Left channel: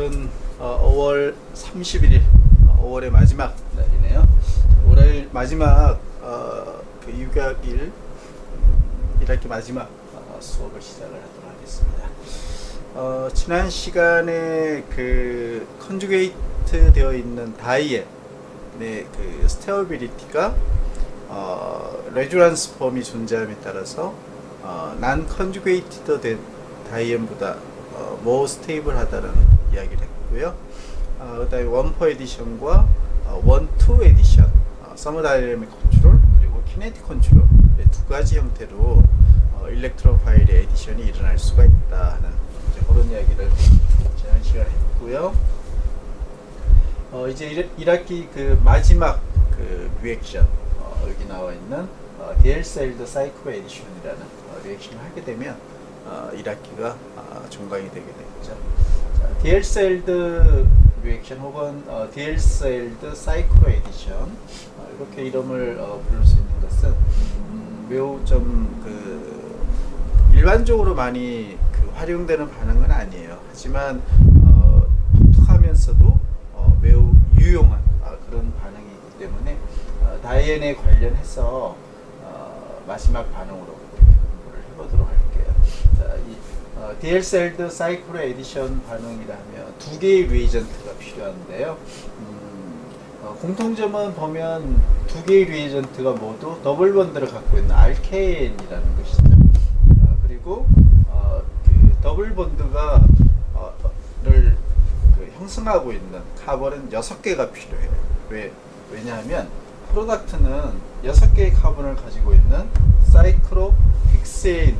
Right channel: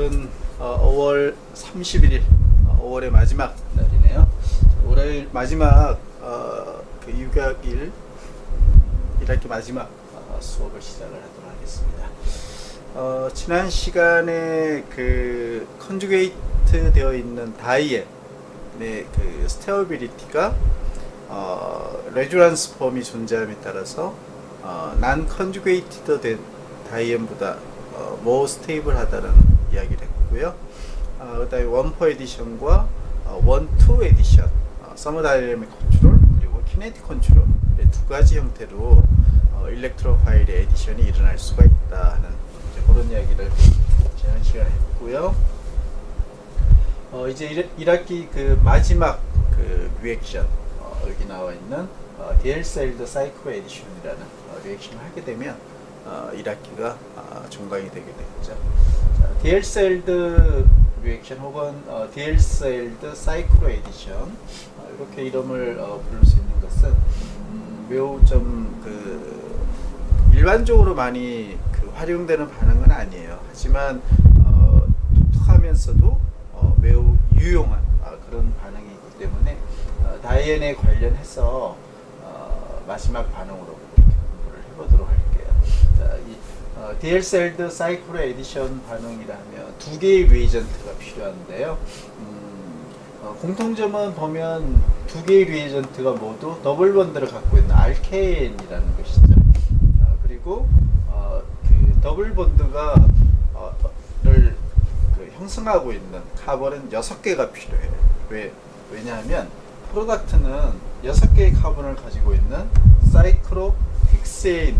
오늘은 5월 31일, 5월의 마지막 날이네요. 올해 마지막 그 육아일 1학기 마지막 수업을 시작을 하도록 하겠습니다. 지난 시간에 그 컨주게이트 되어 있는 다이앤의 그 스테어빌리티가 레주란스 폼이 존재함에 따라서 난 컨주게이티드 된 다이앤보다 more 스테이블하다는 이야기를 했고요. 그 다음에 1포 에디션과 1, 2 에디션, 서머다이내믹 컨트롤 그리고 키네틱 컨트롤 두 가지 형태로 일렉트로 파일의 에디션이 일어날 수가 있다 하는 그런 이야기를 지난 시간에 했고요. 이제 1학기 그 마지막 그 리액션, 여기 나와 있는 DL-Celled Cyclo Edition이라는 리액션을 하게 되면 1학기가 종강이 되게 되겠죠. DL-Celled 리액션 혹은 DL-Celled Cyclo Edition, 이렇게 이름을 부를 수 있는 것은 매우 좀 그 일반적으로 많이 그 활용되는 반응은 아니에요. 하지만 독특하면서도 매우 유용한 그런 반응이기 때문에 다이앤에 관련해서 마지막 반응으로 이렇게 공부를 해보도록 할게요. 자, 이 DL-Celled Cyclo Edition 반응이라면 두 개의 리에이전트가 필요한데요. 공통점은 보면 두 개의 리에이전트가 모두 더블 본드를 갖고 있는 알케인이라는 것이죠. 그리고 그 더블 본드가 를 그 형성하고 있는 카본은 6개가 필요해요. 왜냐하면 프로덕트는 6개의 카본을 가지고 있는 사이클로 헥세인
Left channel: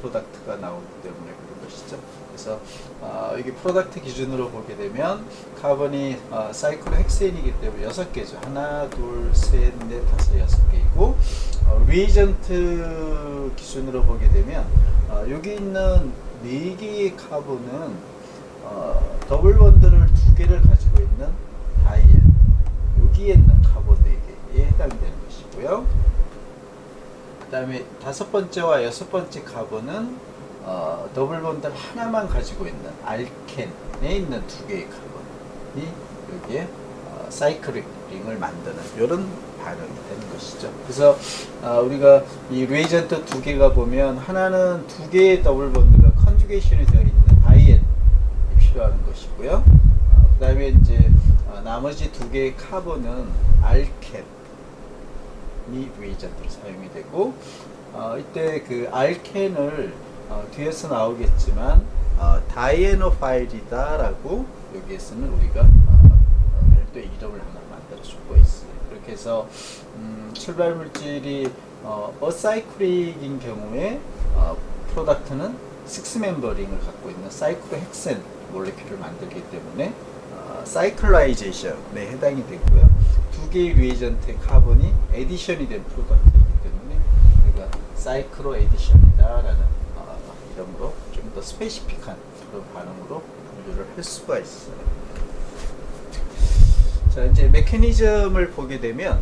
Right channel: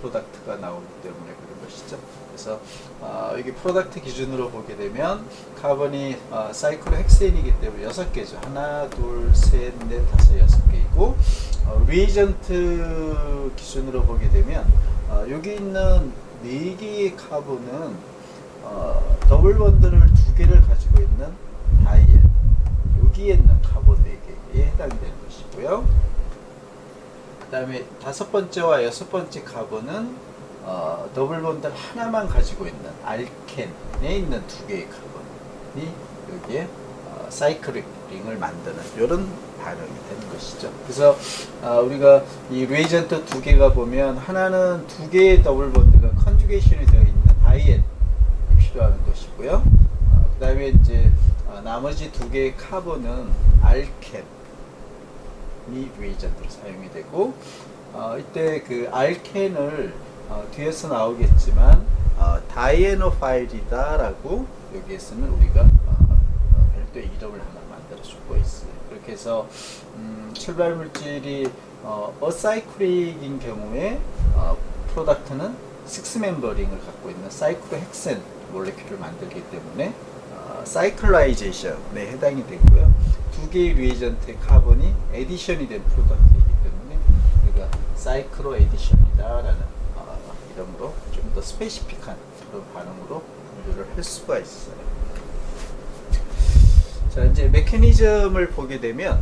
프로덕트가 나오기 때문에 그런 것이죠. 그래서 이게 프로덕트 기준으로 보게 되면 카본이 사이클로 헥세인이기 때문에 6개죠. 하나, 둘, 셋, 넷, 다섯, 6개이고 리에이전트 기준으로 보게 되면 여기 있는 4개의 카본은 더블 본드를 2개를 가지고 있는 다이앤, 여기에 있는 카본 4개에 해당되는 것이고요. 그 다음에 5번째와 6번째 카본은 더블 본드를 하나만 가지고 있는 알켄에 있는 2개의 카본이 여기에 사이클링을 만드는 이런 반응이 되는 것이죠. 그래서 우리가 이 리에이전트 2개가 보면 하나는 2개의 더블 본드가 컨주게이션이 되어 있는 다이앤이 필요한 것이고요. 그 다음에 이제 나머지 2개의 카본은 알켄이 리에이전트로 사용이 되고 이때 그 알켄을 뒤에서 나오겠지만 다이애노파일이다 라고 여기에서는 우리가 별도의 이름을 하나 만들어 주고 있어요. 그렇게 해서 출발 물질이 어사이클릭인 경우에 프로덕트는 6멤버링을 갖고 있는 사이클로헥센 몰레큘을 만들기 때문에 사이클라이제이션에 해당이 되고요. 2개의 리에이전트의 카본이 에디션이 된 프로덕트이기 때문에 우리가 사이클로 에디션이다 라는 이름으로 좀 더 스페시픽한 그런 반응으로 분류를 할 수가 있어요. 자, 이제 메커니즘을 보게 되면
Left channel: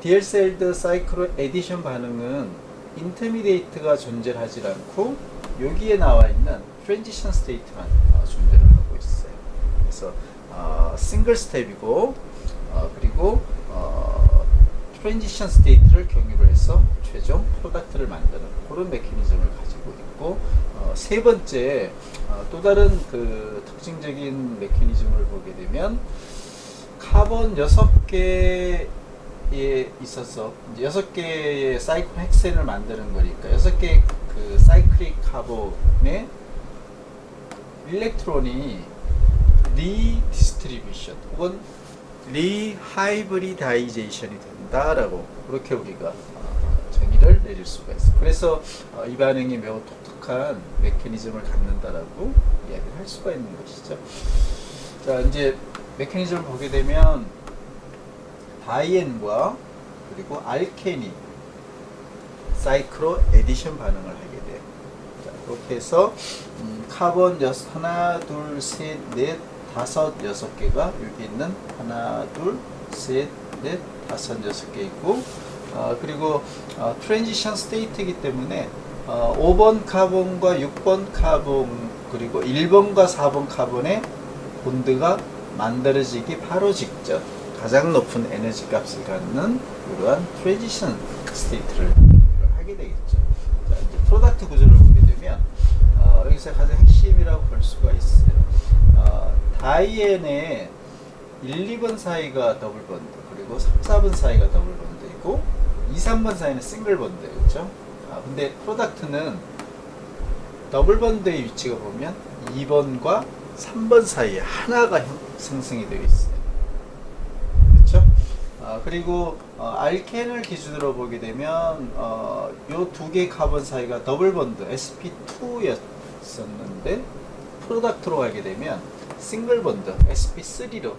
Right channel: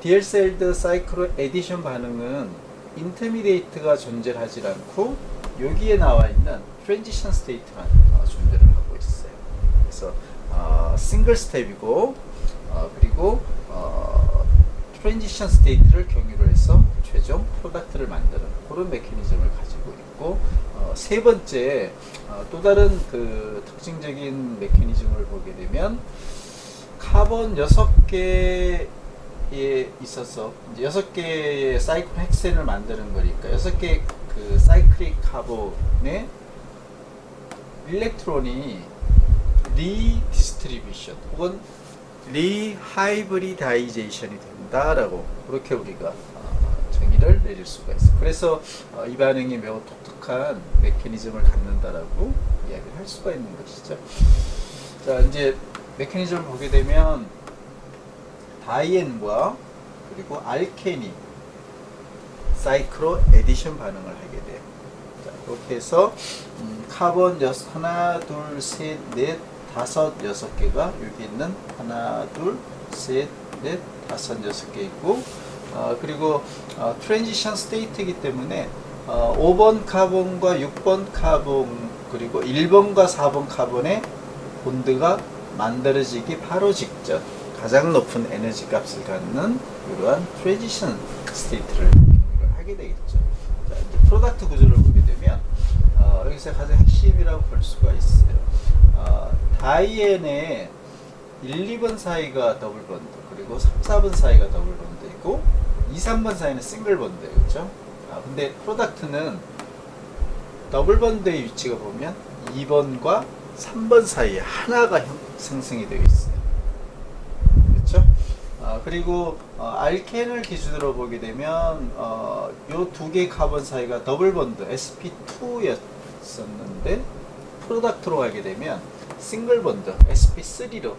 DL-Celled Cyclo Edition 반응은 인터미디에이트가 존재하지 않고 여기에 나와 있는 트랜지션 스테이트만 존재를 하고 있어요. 그래서 싱글 스텝이고 그리고 트랜지션 스테이트를 경유로 해서 최종 프로덕트를 만드는 그런 메커니즘을 가지고 있고 세 번째 또 다른 그 특징적인 메커니즘을 보게 되면 카본 6개에 있어서 이제 6개의 사이클 헥센을 만드는 거니까 6개의 그 사이클릭 카본의 일렉트론이 리디스트리뷰션 혹은 리하이브리다이제이션이 된다라고 그렇게 우리가 정의를 내릴 수가 있어요. 그래서 이 반응이 매우 독특한 메커니즘을 갖는다라고 이야기를 할 수가 있는 것이죠. 자, 이제 메커니즘을 보게 되면 다이앤과 그리고 알켄이 사이클로 에디션 반응을 하게 돼요. 자, 그렇게 해서 카본 하나, 둘, 셋, 넷, 다섯, 6개가 여기 있는 하나, 둘, 셋, 넷, 다섯, 6개 있고 그리고 트랜지션 스테이트이기 때문에 5번 카본과 6번 카본 그리고 1번과 4번 카본의 본드가 만들어지기 바로 직전 가장 높은 에너지 값을 갖는 이러한 트랜지션 스테이트를 하게 되겠죠. 자, 이제 프로덕트 구조를 보게 되면 여기서 가장 핵심이라고 볼 수가 있어요. 다이앤의 1, 2번 사이가 더블 본드, 그리고 3, 4번 사이가 더블 본드이고 2, 3번 사이는 싱글 본드예요. 그렇죠? 근데 프로덕트는 더블 본드의 위치가 보면 2번과 3번 사이에 하나가 생성이 되어 있어요. 그렇죠? 그리고 알켄을 기준으로 보게 되면 요 두 개의 카본 사이가 더블 본드 sp2였었는데 프로덕트로 가게 되면 싱글 본드 sp3로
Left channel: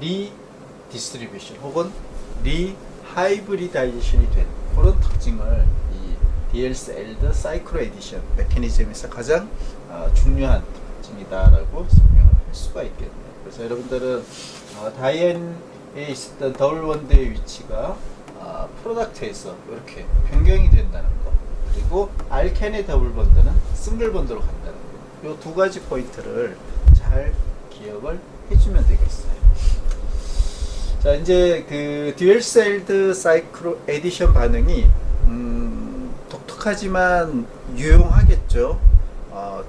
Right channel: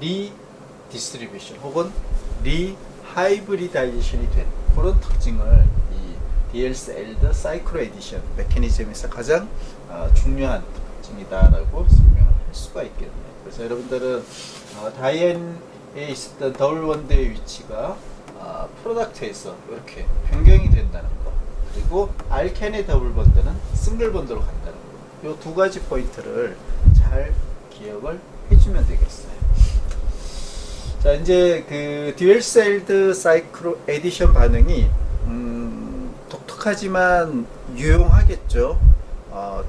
리디스트리뷰션 혹은 리하이브리다이제이션이 된 그런 특징을 이 디엘스엘드 사이클로 에디션 메커니즘에서 가장 중요한 특징이다라고 설명을 할 수가 있겠네요. 그래서 여러분들은 다이앤에 있었던 더블 본드의 위치가 프로덕트에서 이렇게 변경이 된다는 거, 그리고 알켄의 더블 본드는 싱글 본드로 간다는 거, 이 두 가지 포인트를 잘 기억을 해주면 되겠어요. 자, 이제 그 듀얼셀드 사이클로 에디션 반응이 독특하지만 유용하겠죠.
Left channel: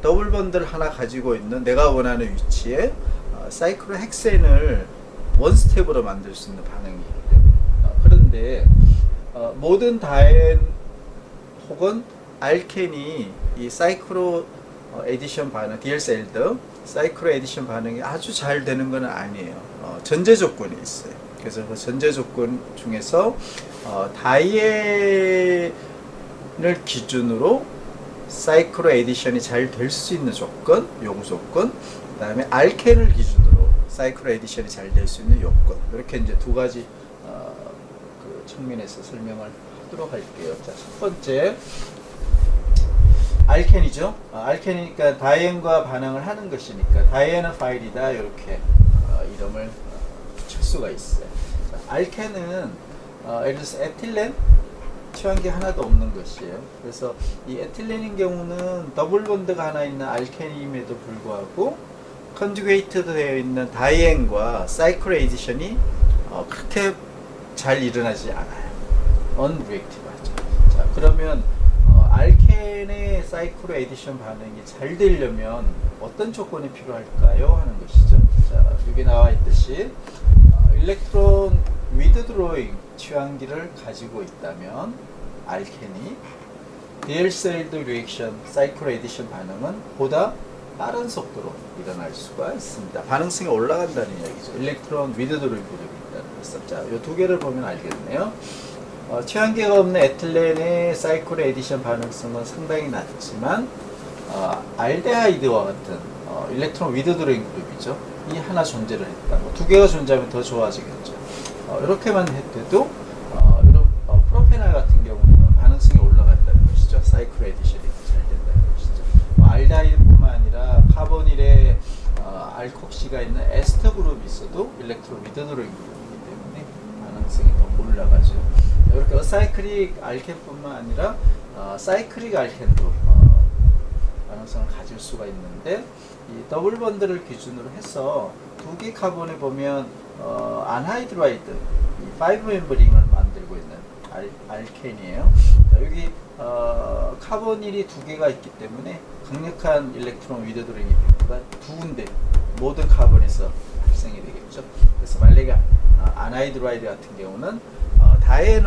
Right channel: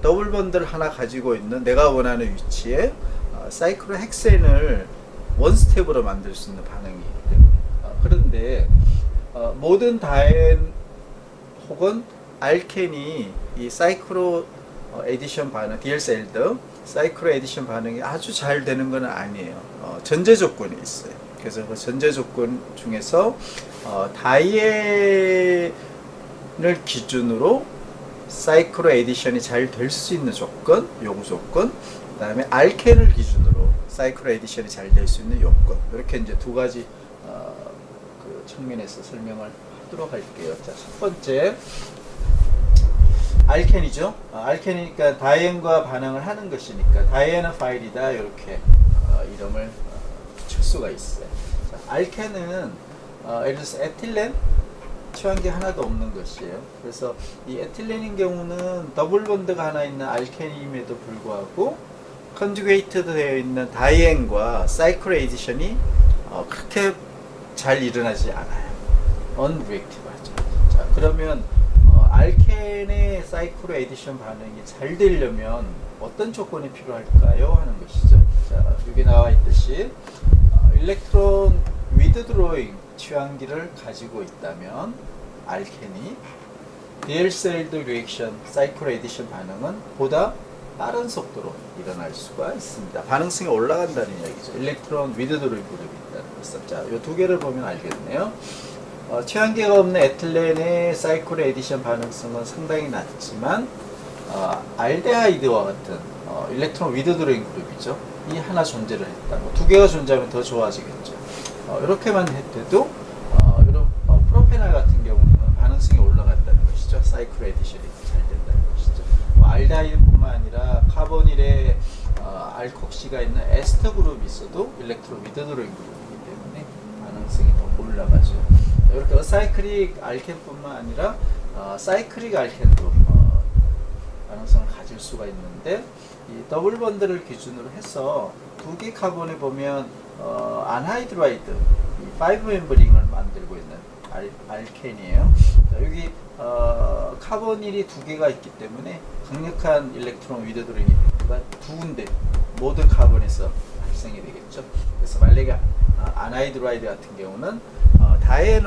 더블 본드를 하나 가지고 있는 내가 원하는 위치에 사이클로 헥센을 원 스텝으로 만들 수 있는 반응이기 때문에 그런데 모든 다엔 혹은 알켄이 이 사이클로 에디션 반응, 디엘셀드 사이클로 에디션 반응이 아주 잘 되는 건 아니에요. 전제 조건이 있어요. 그래서 그 전제 조건 중에서 다이앤을 기준으로 사이클로 에디션이 잘 될 수 있는 조건, 요구 조건, 그 다음에 알켄을 기준으로 사이클로 에디션이 잘 될 수 있는 요건, 이렇게 이제 두 가지 그 측면에서 설명을 하도록 할게요. 자, 첫 번째 알켄이죠. 알켄이니까 다이앤과 반응을 하는 것이니까 다이앤은 파일이다, 이렇게 이름을 붙일 수가 있어요. 자, 알켄은 예를 들어서 에틸렌 취한기 하나도 없는 것이에요. 그래서 이 에틸렌인 경우는 더블 본드가 하나 있는 알켄임에도 불구하고 컨주게이트 되어 있는 다이앤과 사이클 에디션이 그렇게 잘 일어나지 않아요. unreactive하죠. 자, 그러면 알켄의 사이클 에디션 반응이 잘 되려면 어떤 조건이 필요할까요? 하는 것이죠. 자, 여기 나와 있듯이 일렉트론 위드드로잉 취한기를 가지고 있다면 알켄이 디엘셀드 리액션 사이클 에디션 반응은 보다 빠른 속도로 일어날 수가 있습니다. 반응성이 올라간다는 이야기죠. 일렉트론 위드드로잉 그룹이 있다는 것을. 자, 이 두 개를 보면 알겠네요. 취한기가 없는 에틸렌의 사이클 에디션 반응성은 상당히 낮지만 알데하이드와 같은 일렉트론 위드드로잉 그룹이죠. 이 하나 존재를 했다. 두 개가 존재하면 더 좋아지겠죠. 이렇게만 해도 이런 프로페놀 같은 경우는 반응성이 올라간다는 것이죠. 사이클 에디션이 잘 된다는 것이죠. 알데하이드뿐만 아니라 카보닐에 알콕시가 있는 에스터 그룹이 있어도 일렉트론 위드드로잉 그룹이기 때문에 반응성이 더 올라가죠. 이렇게 어사이클릭 알켄뿐만 아니라 사이클릭 알켄도 반응성을 가질 수가 있는데, 이 더블 본드를 기준으로 해서 두 개 카본에 보면 안하이드라이드 5멤버 링을 만들고 있는 알켄이에요. 자, 여기 카보닐이 두 개가 있기 때문에 강력한 일렉트론 위드드로잉 이펙트가 두 군데 모든 카본에서 발생이 되겠죠. 그래서 만약에 안하이드라이드 같은 경우는 다이앤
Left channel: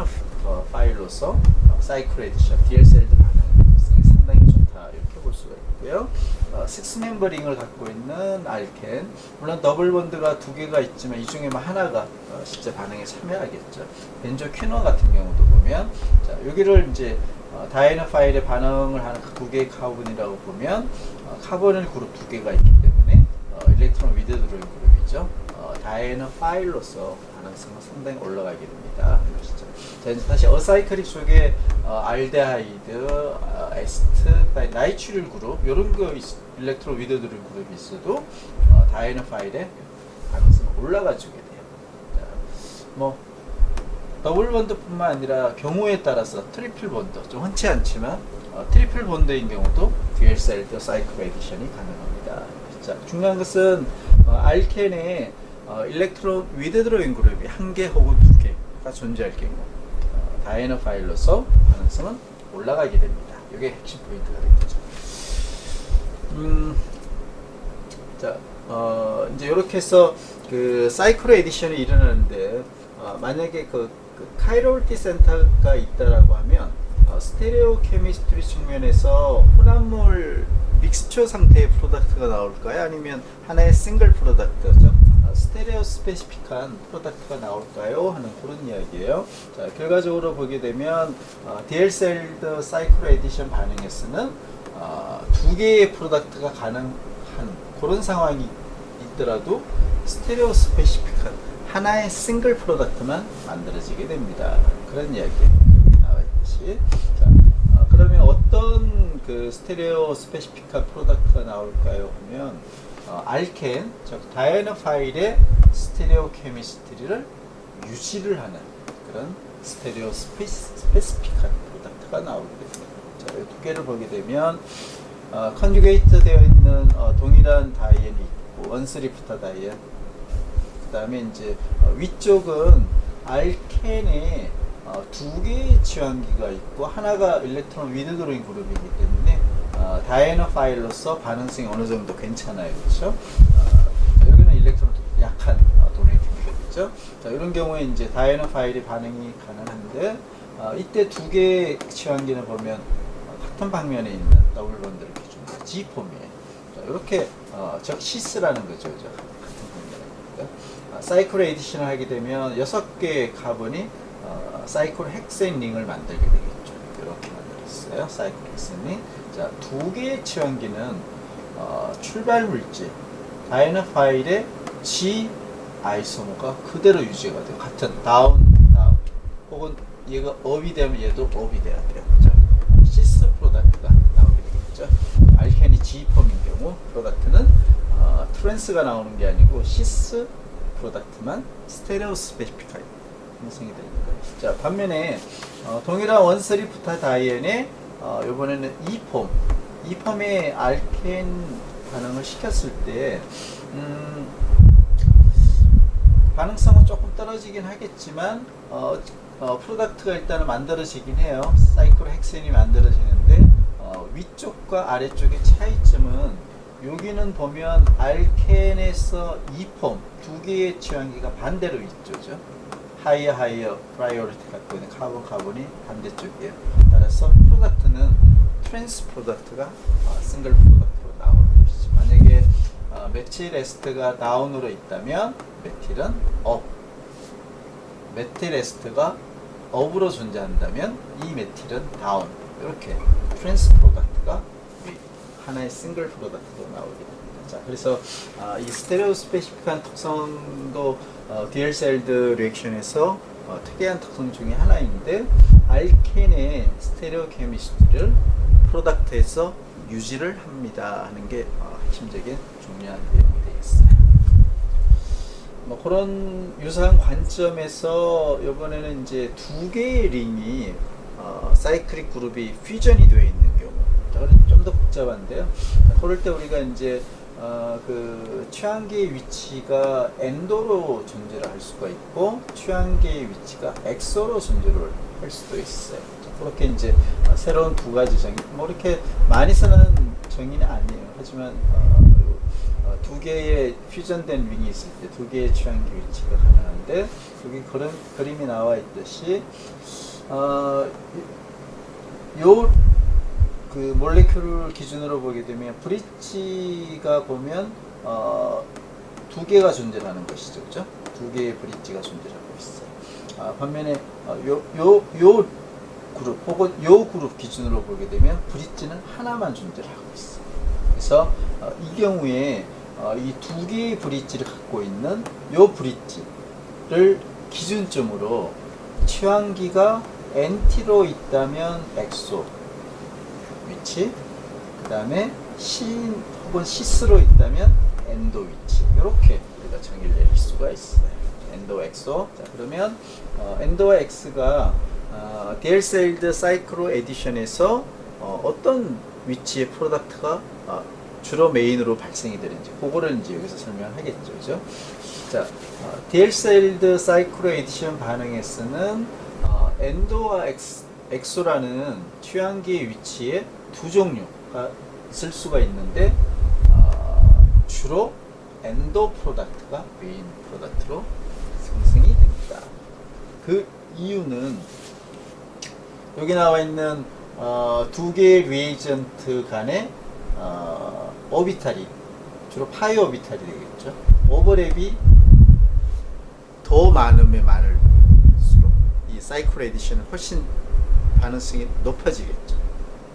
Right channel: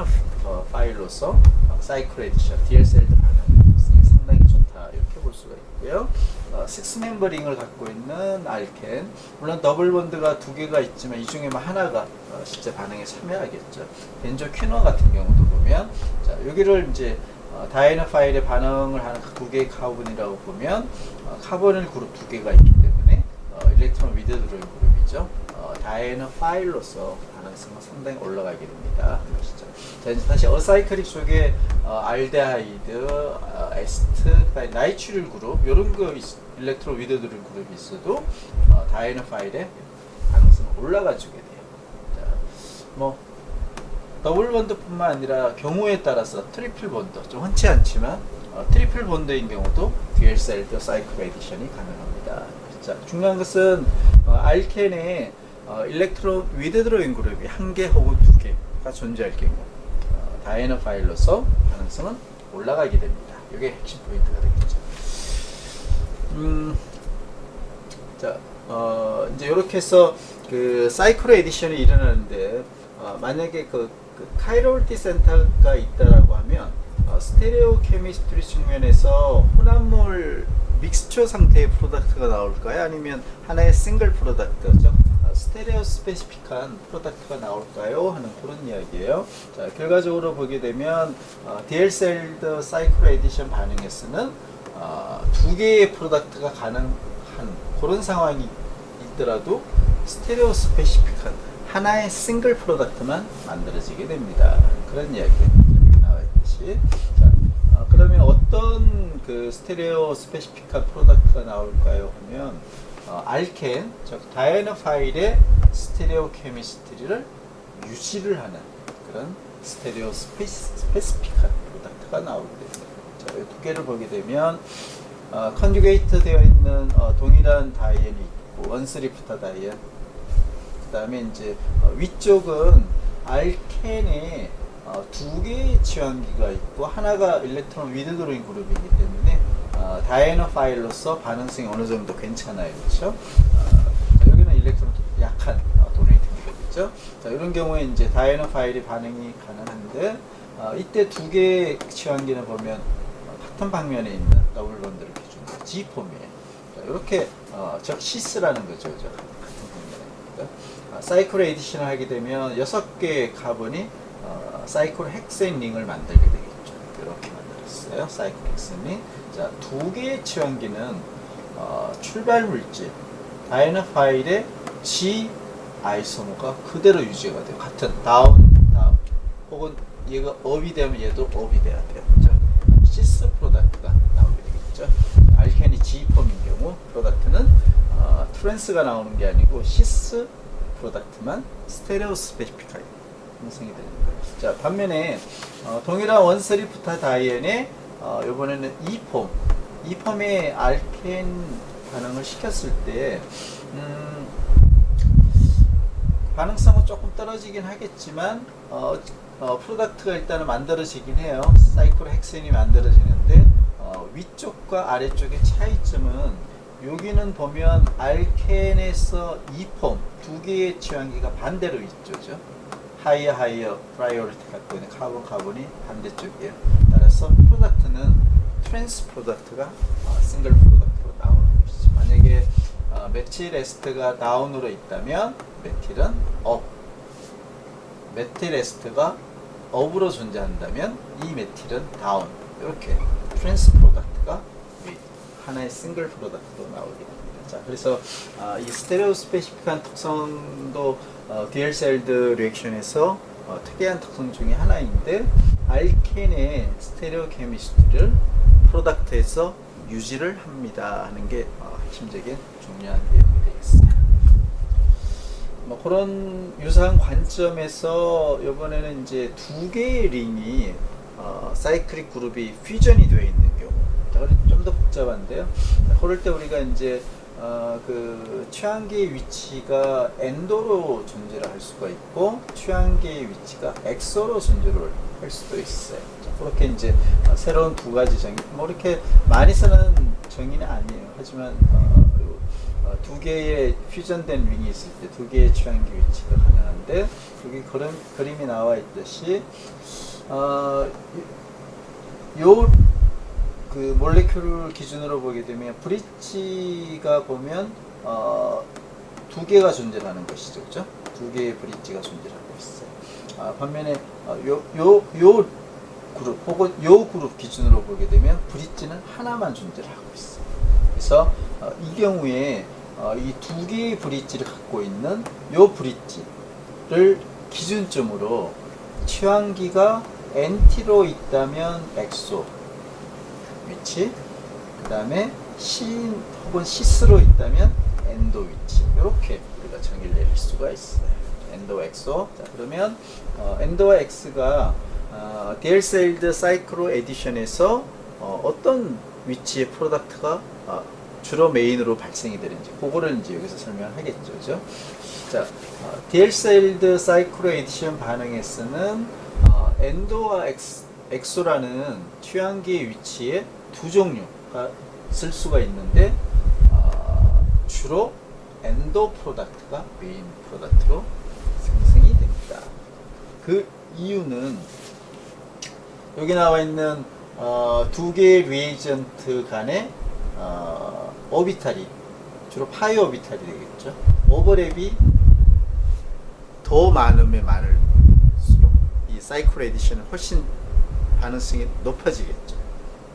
파일로서 사이클 에디션 디엘셀드 반응성이 상당히 좋다, 이렇게 볼 수가 있고요. 6멤버 링을 갖고 있는 알켄, 물론 더블 본드가 두 개가 있지만 이 중에만 하나가 실제 반응에 참여하겠죠. 벤조 퀴너 같은 경우도 보면, 자, 여기를 이제 다이앤 파일에 반응을 하는 두 개의 카본이라고 보면 카보닐 그룹 두 개가 있기 때문에 일렉트론 위드드로잉 그룹이죠. 다이앤 파일로서 반응성은 상당히 올라가게 됩니다. 자, 이제 다시 어사이클릭 속에 알데하이드, 에스트, 나이트릴 그룹, 이런 거 일렉트론 위드드로잉 그룹이 있어도 다이앤 파일에 반응성은 올라가주게 돼요. 자, 뭐 더블 본드뿐만 아니라 경우에 따라서 트리플 본드, 좀 흔치 않지만 트리플 본드인 경우도 듀얼 셀드 사이클 에디션이 가능합니다. 자, 중요한 것은 알켄에 일렉트론 위드 드로잉 그룹이 1개 혹은 2개가 존재할 경우 다이애나 파일로서 가능성은 올라가게 됩니다. 이게 핵심 포인트가 되겠죠. 자, 이제 이렇게 해서 그 사이클 에디션이 일어나는데 만약에 그 카이로리티 센터가 있다라고 하면 스테레오 케미스트리 측면에서 혼합물 믹스처 상태의 프로덕트가 나올까요? 아니면 하나의 싱글 프로덕트죠? 스테레오 스페시픽한 프로덕트가 나올까요? 하는 그런 이야기예요. 자, 결과적으로 보게 되면 DL셀드 사이클 에디션 반응에서는 2개의 프로덕트가 가능한 그런 상황이 있더라도 스테레오 스페시픽한 하나의 싱글 프로덕트만 만들어지게 됩니다. 그런 이야기 나와 있듯이. 자, 그러면 어떤 그 스테레오 스페시픽한 프로덕트가 나올까요? 하면 알켄, 즉 다이애나 파일의 스테레오 케미스트리를 유지를 하는 그런 스테레오 스페시픽한 프로덕트가 나오게 됩니다. 자, 이 2개를 보게 되면 컨주게이트 되어 있는 동일한 다이앤이 있고 원스리프타 다이앤, 그 다음에 이제 위쪽은 알켄에 2개의 지원기가 있고 하나가 일렉트론 위드 드로잉 그룹이기 때문에 다이애나 파일로서 반응성이 어느 정도 괜찮아요. 그렇죠? 여기는 일렉트론 약한 도네이팅이겠죠. 자, 이런 경우에 이제 다이애나 파일이 반응이 가능한데 이때 2개의 지원기는 보면 같은 방면에 있는 더블 본드를 기준으로 G폼이에요. 자, 이렇게 즉 시스라는 거죠. 같은 방면에. 사이클 에디션을 하게 되면 6개의 카본이 사이클 헥센 링을 만들게 되겠죠. 이렇게 만들었어요. 사이클 헥센 링. 자, 2개의 치환기는 출발 물질 다이애나 파일의 G 아이소모가 그대로 유지가 돼요. 같은 다운 혹은 얘가 업이 되면 얘도 업이 돼야 돼요. 그렇죠? 시스 프로덕트가 나오게 되겠죠. 알켄이 G폼인 경우 프로덕트는 트랜스가 나오는 게 아니고 시스 프로덕트만 스테레오 스페시픽하게 형성이 되는 거예요. 자, 반면에 동일한 원스리프타 다이앤에 이번에는 E폼의 알켄 반응을 시켰을 때 반응성은 조금 떨어지긴 하겠지만 프로덕트가 일단은 만들어지긴 해요. 사이클 헥센이 만들어지는데 위쪽과 아래쪽의 차이점은 여기는 보면 알켄에서 E폼 2개의 지원기가 반대로 있죠. 하이어 프라이오리티 갖고 있는 카본이 반대쪽이에요. 따라서 프로덕트는 트랜스 프로덕트가 싱글 프로덕트로 나오는 것이죠. 만약에 메틸 에스트가 다운으로 있다면 메틸은 업, 메틸 에스트가 업으로 존재한다면 이 메틸은 다운. 이렇게 트랜스 프로덕트가 하나의 싱글 프로덕트로 나오게 됩니다. 자, 그래서 이 스테레오 스페시픽한 특성도 듀얼 셀드 리액션에서 특이한 특성 중에 하나인데 알켄의 스테레오 케미스트리를 프로덕트에서 유지를 합니다 하는 게 핵심적인 중요한 내용이 되겠어요. 뭐 그런 유사한 관점에서 이번에는 이제 2개의 링이 사이클릭 그룹이 퓨전이 되어 있는 경우, 좀 더 복잡한데요. 그럴 때 우리가 이제 그 취향기의 위치가 엔도로 존재를 할 수가 있고 취향기의 위치가 엑소로 존재를 할 수도 있어요. 자, 그렇게 이제 새로운 2가지 정의, 뭐 이렇게 많이 쓰는 정의는 아니에요. 하지만 2개의 퓨전된 윙이 있을 때 2개의 취향기 위치가 가능한데 여기 그런 그림이 나와 있듯이 그 몰레큘을 기준으로 보게 되면 브릿지가 보면 2개가 존재하는 것이죠. 그죠? 2개의 브릿지가 존재하고 있어요. 반면에 요 그룹 혹은 요 그룹 기준으로 보게 되면 브릿지는 하나만 존재를 하고 있어요. 그래서 이 경우에 이 2개의 브릿지를 갖고 있는 요 브릿지를 기준점으로 취향기가 NT로 있다면 엑소 위치, 그 다음에 신 혹은 시스로 있다면 엔도 위치, 이렇게 우리가 정의를 내릴 수가 있어요. 엔도와 엑소. 자, 그러면 엔도와 엑스가 디엘셀드 사이클로 에디션에서 어떤 위치의 프로덕트가 주로 메인으로 발생이 되는지 그거를 이제 여기서 설명하겠죠, 그죠? 자, 디엘셀드 사이클로 에디션 반응에 쓰는 엔도와 엑소라는 취향기의 위치에 두 종류가 쓸 수가 있는데 주로 엔도 프로덕트가 메인 프로덕트로 생성이 됩니다. 그 이유는 여기 나와 있는 두 개의 리에이전트 간의 오비탈이 주로 파이 오비탈이 되겠죠. 오버랩이 더 많으면 많을수록 이 사이클 에디션은 훨씬 반응성이 높아지겠죠.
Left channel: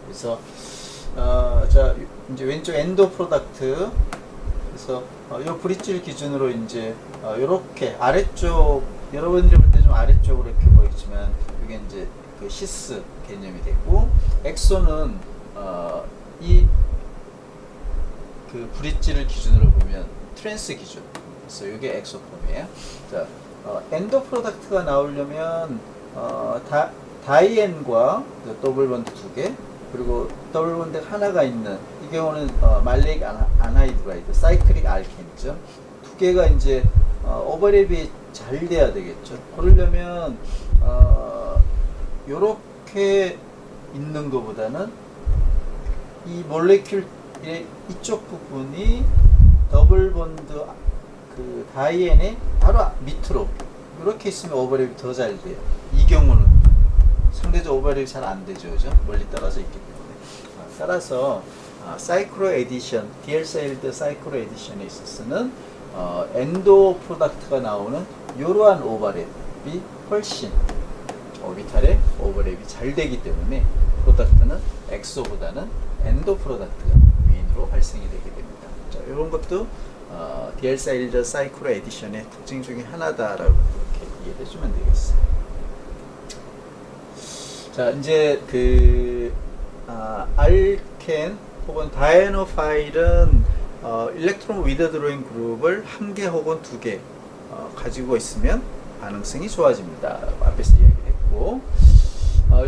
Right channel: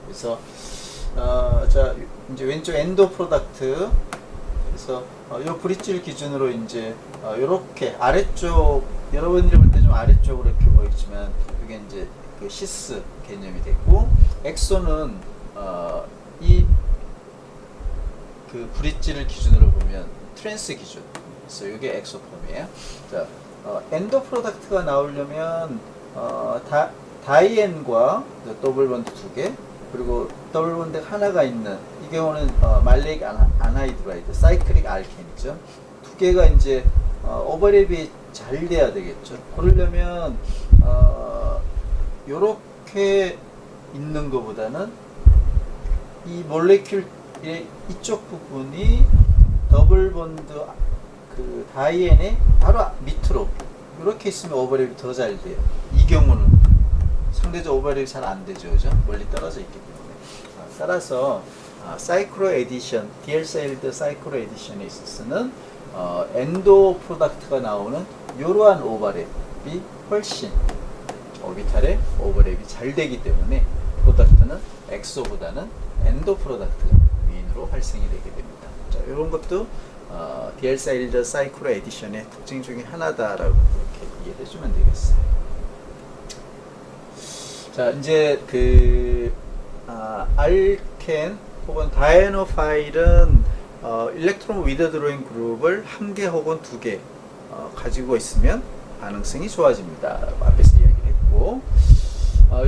그래서 자 이제 왼쪽 엔도 프로덕트 그래서 이 브릿지를 기준으로 이제 이렇게 아래쪽 여러분들이 볼 때 좀 아래쪽으로 이렇게 보이지만 이게 이제 그 시스 개념이 되고 엑소는 이 그 브릿지를 기준으로 보면 트랜스 기준. 그래서 이게 엑소 폼이에요. 자, 엔도 프로덕트가 나오려면 다이앤과 더블 본드 두 개, 그리고 더블 본드 하나가 있는 이 경우는 말레익 안하이드라이드, 사이클릭 알케인이죠. 두 개가 이제 오버랩이 잘 돼야 되겠죠. 그러려면 요렇게 있는 것보다는 이 몰레큘의 이쪽 부분이 더블 본드 그 다이앤의 바로 밑으로 이렇게 있으면 오버랩이 더 잘 돼요. 이 경우는 상대적 오버랩이 잘 안 되죠, 그죠? 멀리 떨어져 있기 때문에. 따라서 사이클로 에디션, 디엘셀드 사이클로 에디션에 있어서는 엔도 프로덕트가 나오는 이러한 오버랩이 훨씬 오비탈의 오버랩이 잘 되기 때문에 프로덕트는 엑소보다는 엔도 프로덕트가 메인으로 발생이 되게 됩니다. 자, 이런 것도 디엘셀드 사이클로 에디션의 특징 중에 하나다라고 이렇게 이해해 주면 되겠어요. 자, 이제 그 알켄 혹은 다이애노 파일은 일렉트론 위드드로잉 그룹을 한 개 혹은 두 개 가지고 있으면 반응성이 좋아집니다. 앞에서 이야기를 했고,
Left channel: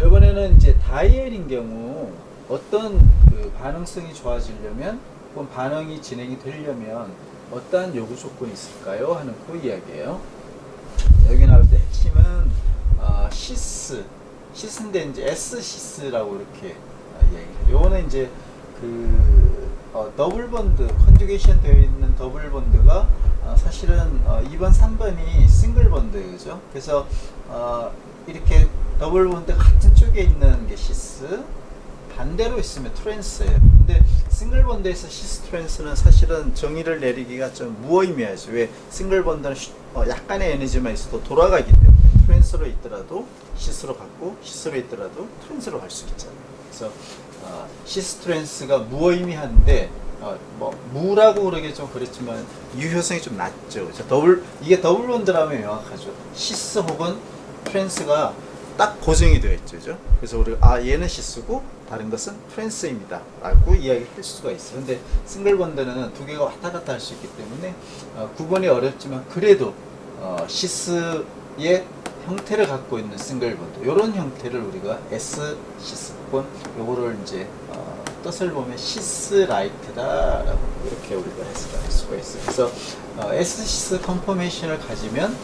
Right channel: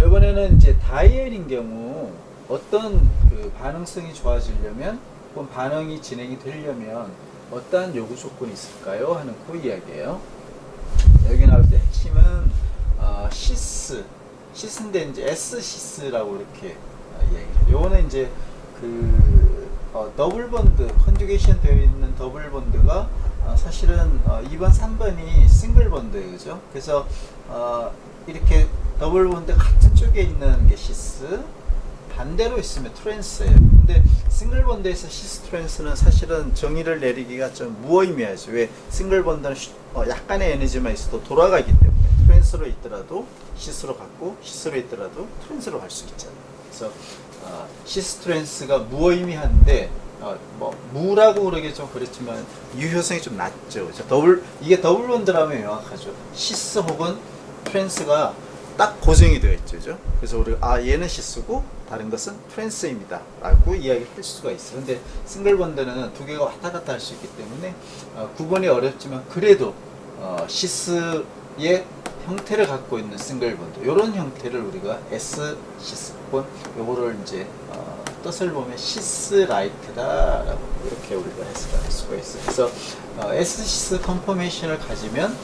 이번에는 이제 다이엘인 경우 어떤 그 반응성이 좋아지려면 혹은 반응이 진행이 되려면 어떠한 요구 조건이 있을까요? 하는 그 이야기예요. 여기 나올 때 핵심은 시스인데 이제 S-시스라고 이렇게 이야기해요. 요거는 이제 그 더블 본드 컨주게이션 되어 있는 더블 본드가 사실은 2번, 3번이 싱글 본드예요, 그죠? 그래서 이렇게 더블 본드 같은 쪽에 있는 게 시스, 반대로 있으면 트랜스예요. 근데 싱글 본드에서 시스 트랜스는 사실은 정의를 내리기가 좀 무의미하죠. 왜? 싱글 본드는 약간의 에너지만 있어도 돌아가기 때문에 트랜스로 있더라도 시스로 갔고 시스로 있더라도 트랜스로 갈 수 있잖아요. 그래서 시스 트랜스가 무의미한데 뭐 무라고 그러기 좀 그렇지만 유효성이 좀 낮죠. 이게 더블 본드라면 명확하죠. 시스 혹은 트랜스가 딱 고정이 되어 있죠, 그죠? 그래서 우리가 얘는 시스고 다른 것은 트랜스입니다 라고 이야기할 수가 있어요. 근데 싱글 본드는 두 개가 왔다 갔다 할 수 있기 때문에 구분이 어렵지만 그래도 시스의 형태를 갖고 있는 싱글 본드, 이런 형태를 우리가 S 시스 혹은 요거를 이제 뜻을 보면 시스라이크다라고 이렇게 우리가 해석을 할 수가 있어요. 그래서 S 시스 컨포메이션을 가지면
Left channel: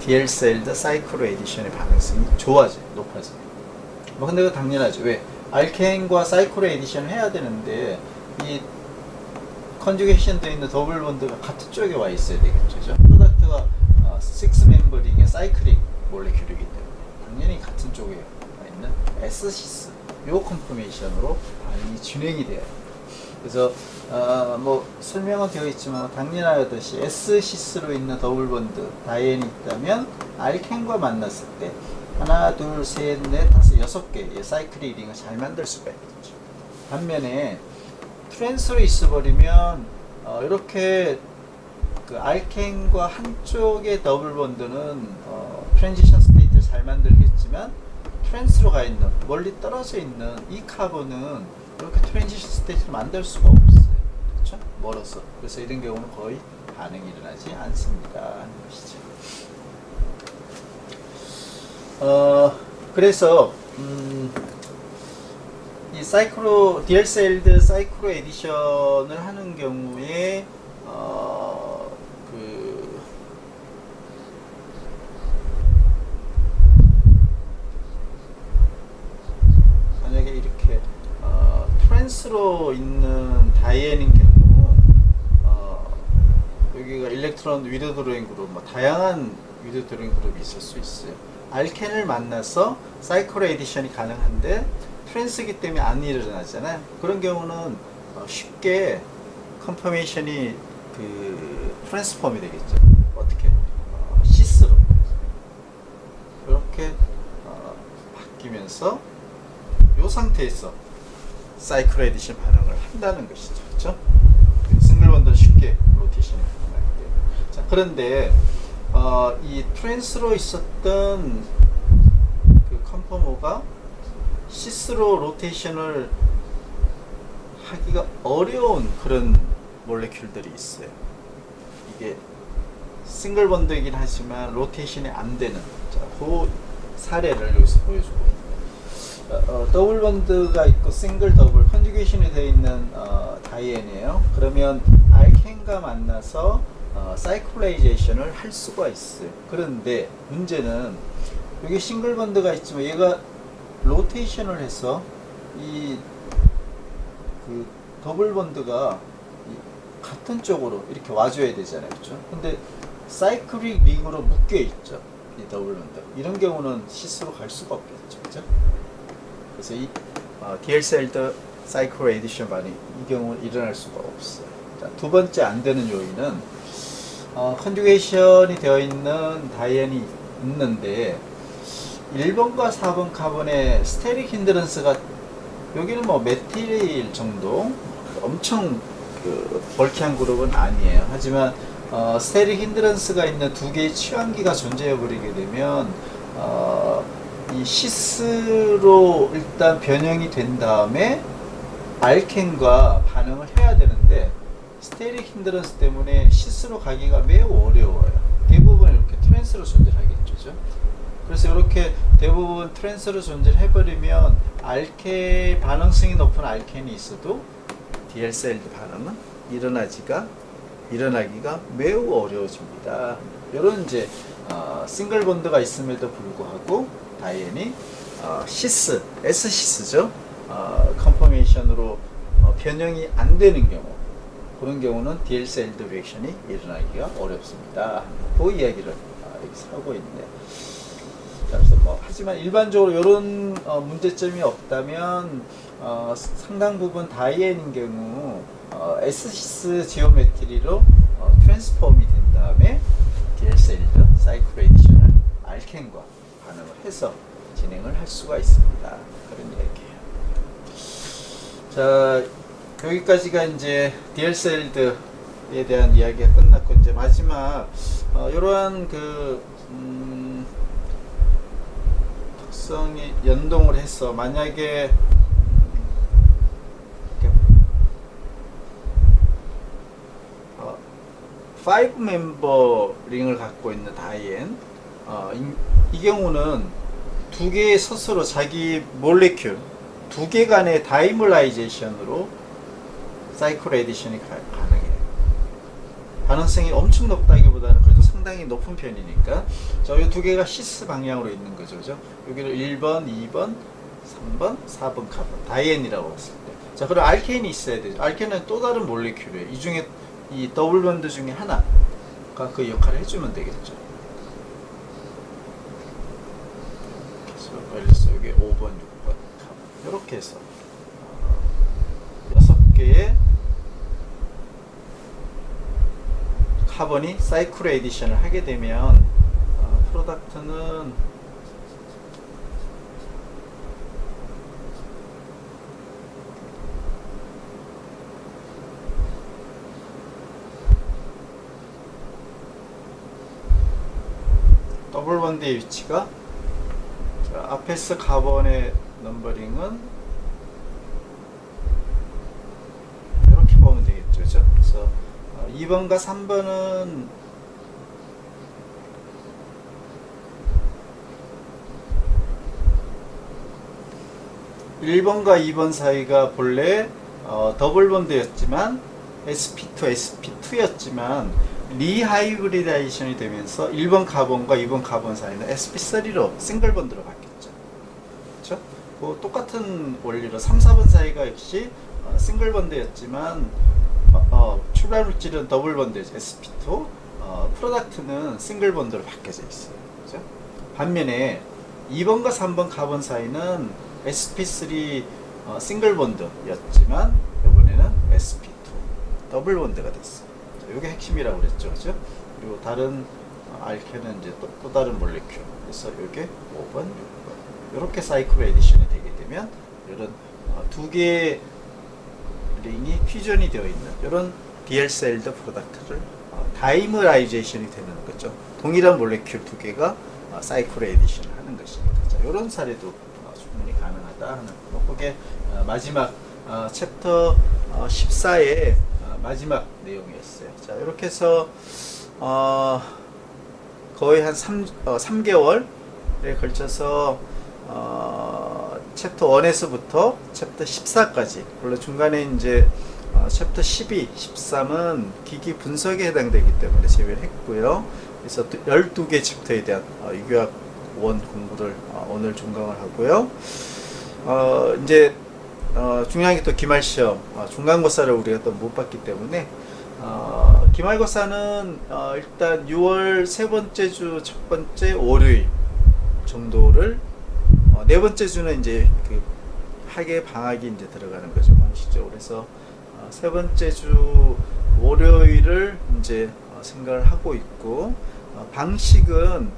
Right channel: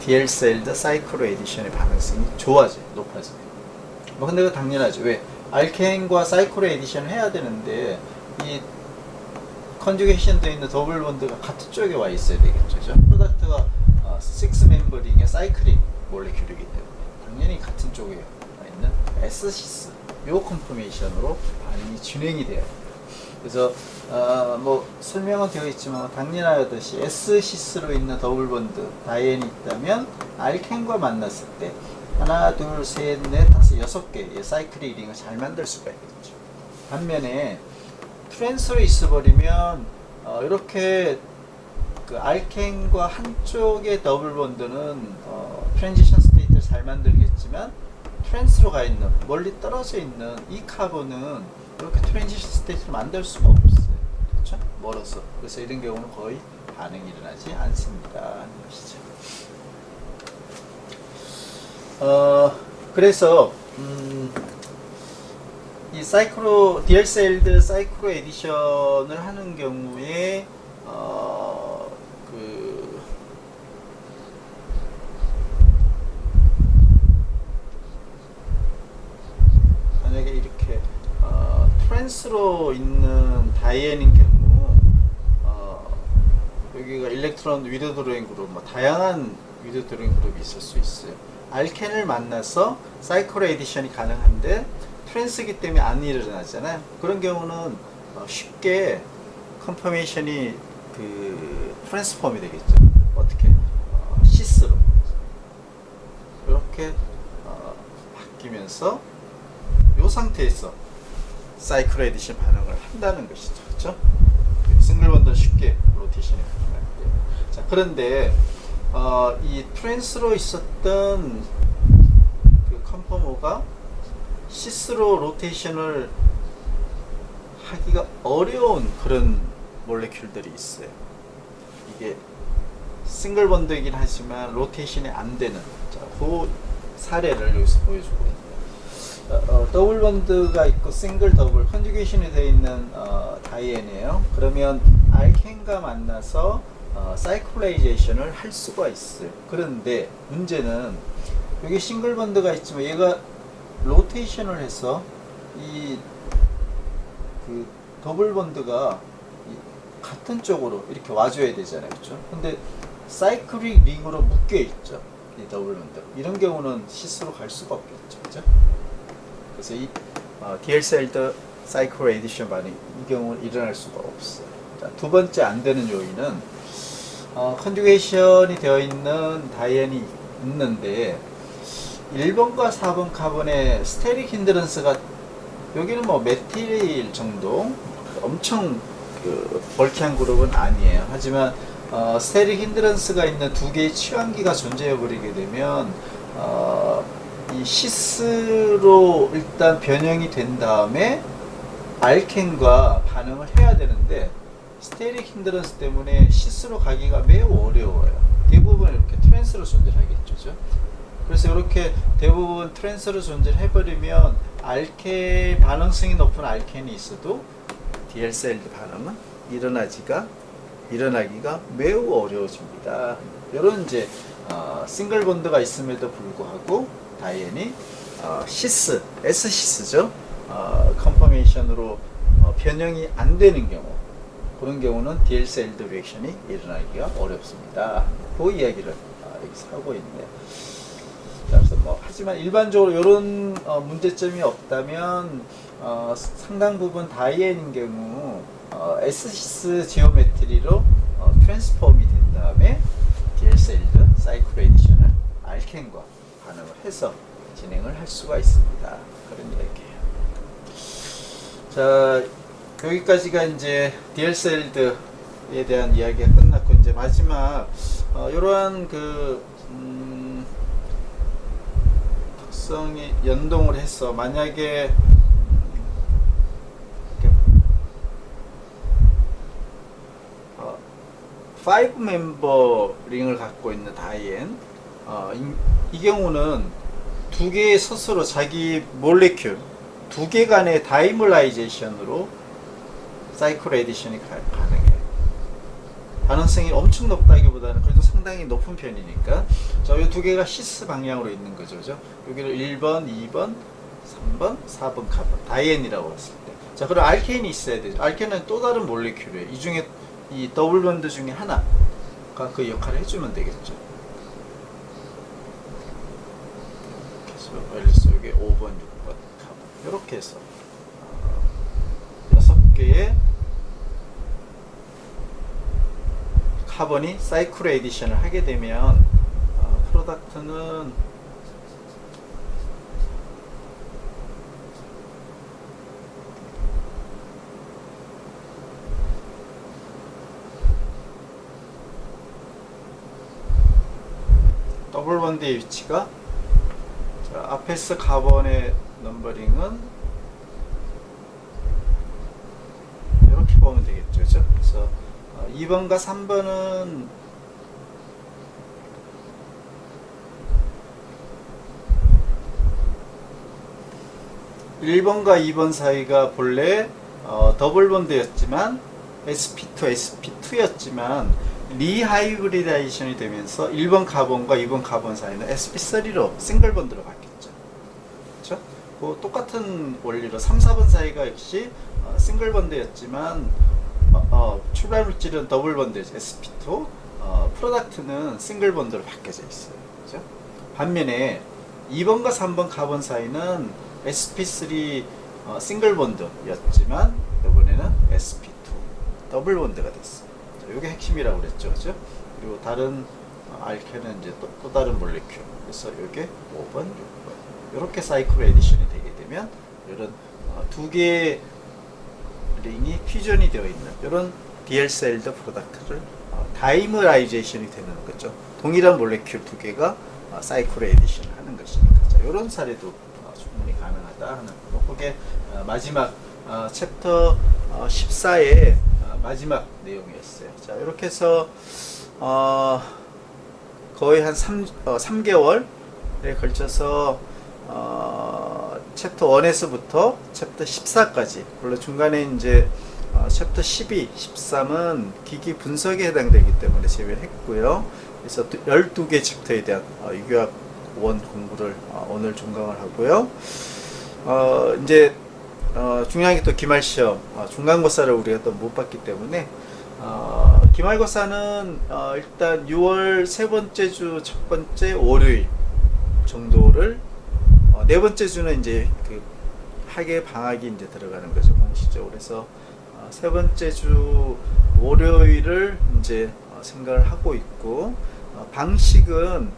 디엘셀드 사이클로 에디션의 반응성이 좋아져요, 높아져요. 뭐 근데 그 당연하죠. 왜? 알케인과 사이클로 에디션을 해야 되는데 이 컨주게이션 되어 있는 더블 본드가 같은 쪽에 와 있어야 되겠죠. 프로덕트가 6 멤버링의 사이클릭 몰레큘이기 때문에 당연히 같은 쪽에 와 있는 S-시스 요 컨포메이션으로 반응이 진행이 돼요. 그래서 뭐 설명은 되어 있지만 당연하듯이 S-시스로 있는 더블 본드 다이앤이 있다면 알켄과 만났을 때 하나, 둘, 셋, 넷, 다섯, 여섯 개의 사이클릭 링을 잘 만들 수가 있겠죠. 반면에 트랜스로 있어버리면 이렇게 그 알켄과 한쪽의 더블 본드는 트랜지션 스테이트를 잘 만들겠지만 트랜스로 가 있는 멀리 떨어져 있는 이 카본은 이렇게 트랜지션 스테이트를 만들 수가 없어요. 그렇죠? 멀어서. 그래서 이런 경우는 거의 반응이 일어나지 않습니다 하는 것이죠. 그래서 이 디얼셀드 사이클로 에디션을 하는 경우에 그 만약에 이렇게 트랜스로 있는 다이앤인 경우 여기가 일렉트론 위드 드로잉 그룹 뭐 다양한 위드 드로잉 그룹이 있을 수 있어요. 알켄을 만나서 사이클로 에디션이 가능한데 트랜스기 때문에 안 일어나잖아요. 그런 경우는 쉽게 컨퍼메이션이 그 트랜스폼이 되겠죠. 어떻게? 시스로 이렇게 바뀌면서 이 상태에서 사이클 에디션 반응을 한다는 것이죠. 그렇죠? 싱글 번들 쉽게 로테이션이 가능한데요. 자, 그런데 이 트랜스로 있었던 그 컨퍼머가 시스로 로테이션을 하기가 어려운 그런 몰레큘들이 있어요. 이게 싱글 번드이긴 하지만 로테이션이 안 되는, 자, 그 사례를 여기서 보여주고 있네요. 더블 번드가 있고 싱글 더블 컨주게이션이 되어 있는 다이앤이에요. 그러면 알켄과 만나서 사이클라이제이션을 할 수가 있어요. 그런데 문제는 여기 싱글 번드가 있지만 얘가 로테이션을 해서 이 그 더블 번드가 같은 쪽으로 이렇게 와줘야 되잖아요. 그렇죠? 근데 사이클릭 링으로 묶여 있죠. 이 더블 번드. 이런 경우는 시스로 갈 수가 없겠죠. 그렇죠? 그래서 이 DL셀드 사이클 에디션 반응이 이 경우는 일어날 수가 없어요. 자, 두 번째 안 되는 요인은 컨주게이션이 되어 있는 다이앤이 있는데 1번과 4번 카본의 스테릭 힌드런스가 여기는 뭐 메틸 정도 엄청 그 벌키한 그룹은 아니에요. 하지만 스테릭 힌드런스가 있는 두 개의 취환기가 존재해 버리게 되면 이 시스로 일단 변형이 된 다음에 알켄과 반응을 해야 되는데 스테릭 힌드런스 때문에 시스로 가기가 매우 어려워요. 대부분 이렇게 트랜스로 존재하겠죠. 그래서 이렇게 대부분 트랜스로 존재해버리면 알켄 반응성이 높은 알켄이 있어도 DL셀드 반응은 일어나기가 매우 어려워집니다. 이런 이제 싱글 본드가 있음에도 불구하고 다이앤이 S시스죠. 컨퍼메이션으로 변형이 안 되는 경우, 그런 경우는 DL셀드 리액션이 일어나기가 어렵습니다. 그 이야기를 여기서 하고 있네요. 그래서 하지만 일반적으로 이런 문제점이 없다면 상당 부분 다이앤인 경우 S시스 지오메트리로 트랜스폼이 된 다음에 DL셀드 사이클 에디션을 알켄과 반응을 해서 진행을 할 수가 있습니다. 그런 얘기예요. 자, 여기까지가 이제 DL셀드에 대한 이야기가 끝났고, 이제 마지막 이러한 그 특성이 연동을 해서 만약에 5 멤버 링을 갖고 있는 다이앤, 이 경우는 두 개의 스스로 자기 몰레큘 두 개 간의 다이몰라이제이션으로 사이클 에디션이 가능해요. 반응성이 엄청 높다기보다는 그래도 상당히 높은 편이니까 이 두 개가 시스 방향으로 있는 거죠. 그죠? 여기를 1번, 2번, 3번, 4번 카본 다이앤이라고 봤을 때, 자, 그럼 알켄이 있어야 되죠. 알켄은 또 다른 몰레큘이에요. 이 중에 이 더블 번드 중에 하나가 그 역할을 해주면 되겠죠. 그래서 여기 5번, 6번 카본 이렇게 해서 6개의 카본이 사이클 에디션을 하게 되면 프로덕트는 더블 번드의 위치가, 자, 앞에서 카본의 넘버링은 이렇게 보면 되겠죠. 그죠? 그래서 2번과 3번은 1번과 2번 사이가 본래 더블 본드였지만 sp2, sp2였지만 리하이브리다이션이 되면서 1번 카본과 2번 카본 사이는 sp3로 싱글 본드로 바뀌었죠. 그렇죠? 그 똑같은 원리로 3, 4번 사이가 역시 싱글 본드였지만 출발 물질은 더블 본드죠. sp2. 프로덕트는 싱글 본드로 바뀌어져 있어요. 그렇죠? 반면에 2번과 3번 카본 사이는 sp3 싱글 본드였지만 이번에는 sp2 더블 본드가 됐어요. 이게 핵심이라고 그랬죠. 그죠? 그리고 다른 알케는 이제 또 다른 몰레큘. 그래서 이게 5번, 6번. 이렇게 사이클 에디션이 되게 되면 이런 두 개의 링이 퓨전이 되어 있는 이런 디엘셀드 프로덕트를 다이머라이제이션이 되는 거죠. 동일한 몰레큘 두 개가 사이클 에디션을 하는 것이니까. 자, 이런 사례도 충분히 가능하다 하는 거고. 그게 마지막 챕터 14의 마지막 내용이었어요. 자, 이렇게 해서 거의 한 3개월에 걸쳐서 챕터 1에서부터 챕터 14까지, 물론 중간에 이제 챕터 12, 13은 기기 분석에 해당되기 때문에 제외를 했고요. 그래서 12개 챕터에 대한 유교학 원 공부를 오늘 종강을 하고요. 이제 중요한 게 또 기말시험, 중간고사를 우리가 또 못 봤기 때문에 기말고사는 일단 6월 세 번째 주 첫 번째 월요일 정도를, 네 번째 주는 이제 그 학예 방학이 이제 들어가는 거죠, 공식적으로. 그래서 세 번째 주 월요일을 이제 생각을 하고 있고, 방식은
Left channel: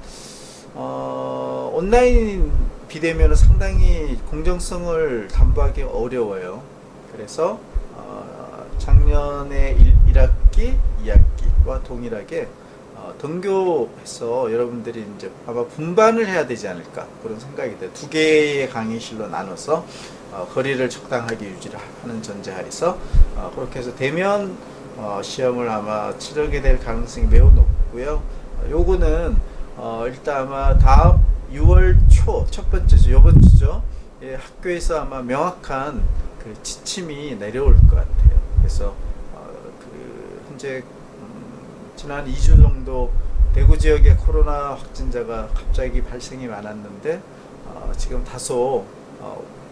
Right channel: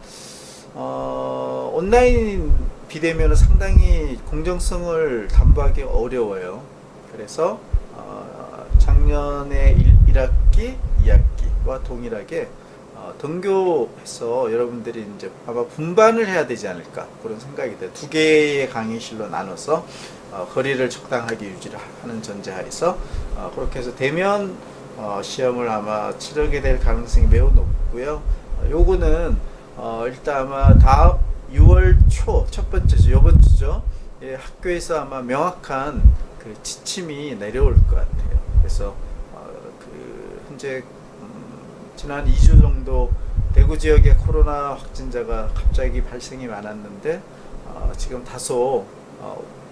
온라인 비대면은 상당히 공정성을 담보하기 어려워요. 그래서 작년에 1학기, 2학기와 동일하게 등교해서 여러분들이 이제 아마 분반을 해야 되지 않을까, 그런 생각이 돼요. 두 개의 강의실로 나눠서 거리를 적당하게 유지를 하는 전제하에서 그렇게 해서 대면 시험을 아마 치르게 될 가능성이 매우 높고요. 요거는 일단 아마 다음 6월 초 첫 번째 주, 요번 주죠. 예, 학교에서 아마 명확한 그 지침이 내려올 것 같아요. 그래서 그 현재 지난 2주 정도 대구 지역의 코로나 확진자가 갑자기 발생이 많았는데 지금 다소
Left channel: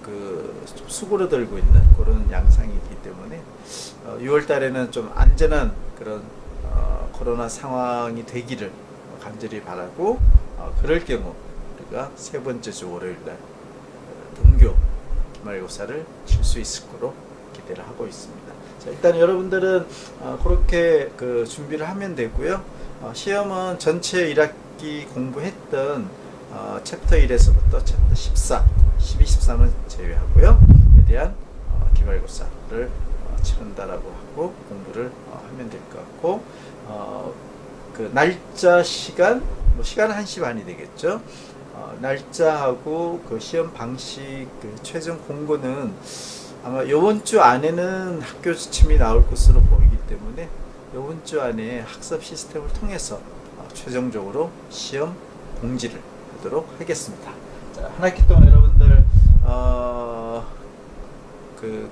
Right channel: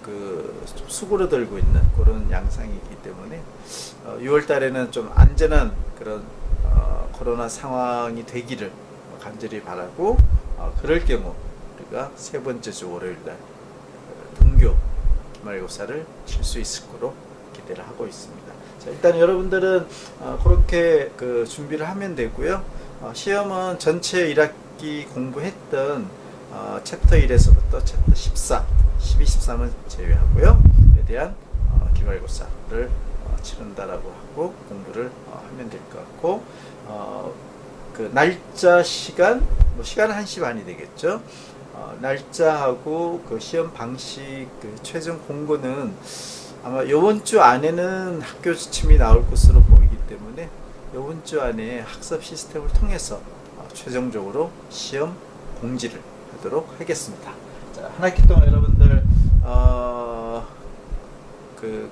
그 수그러들고 있는 그런 양상이기 때문에 6월 달에는 좀 안전한 그런 코로나 상황이 되기를 간절히 바라고, 그럴 경우 우리가 세 번째 주 월요일 날 등교 기말고사를 칠 수 있을 거로 기대를 하고 있습니다. 자, 일단 여러분들은 그렇게 그 준비를 하면 되고요. 시험은 전체 1학기 공부했던 챕터 1에서부터 챕터 14, 12, 13은 제외하고요. 에 대한 기말고사를 치른다라고 하고 공부를 하면 될 것 같고, 그 날짜, 시간, 뭐 시간은 1시 반이 되겠죠. 날짜하고 그 시험 방식, 그 최종 공고는 아마 이번 주 안에는 학교 지침이 나올 것으로 보이기 때문에 이번 주 안에 학습 시스템을 통해서 최종적으로 시험 공지를 하도록 하겠습니다. 자, 한 학기 동안 여러분들 그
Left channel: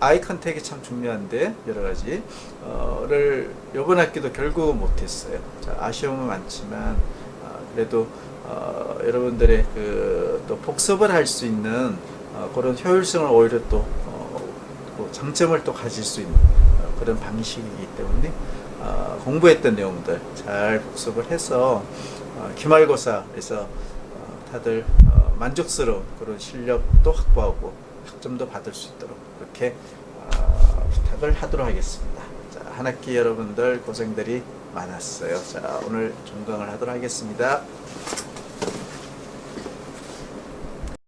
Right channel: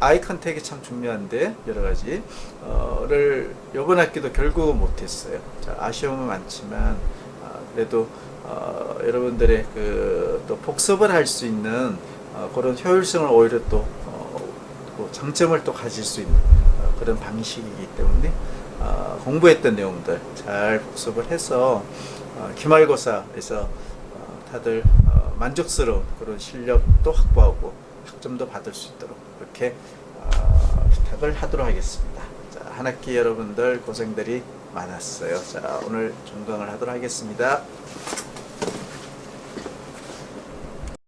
아이 컨택이 참 중요한데 여러 가지를 이번 학기도 결국은 못했어요. 자, 아쉬움은 많지만 그래도 여러분들의 그 또 복습을 할 수 있는 그런 효율성을 오히려 또 장점을 또 가질 수 있는 그런 방식이기 때문에 공부했던 내용들 잘 복습을 해서 기말고사에서 다들 만족스러운 그런 실력도 확보하고 학점도 받을 수 있도록 그렇게 부탁을 하도록 하겠습니다. 자, 한 학기 여러분들 고생들이 많았어요. 자, 오늘 종강을 하도록 하겠습니다.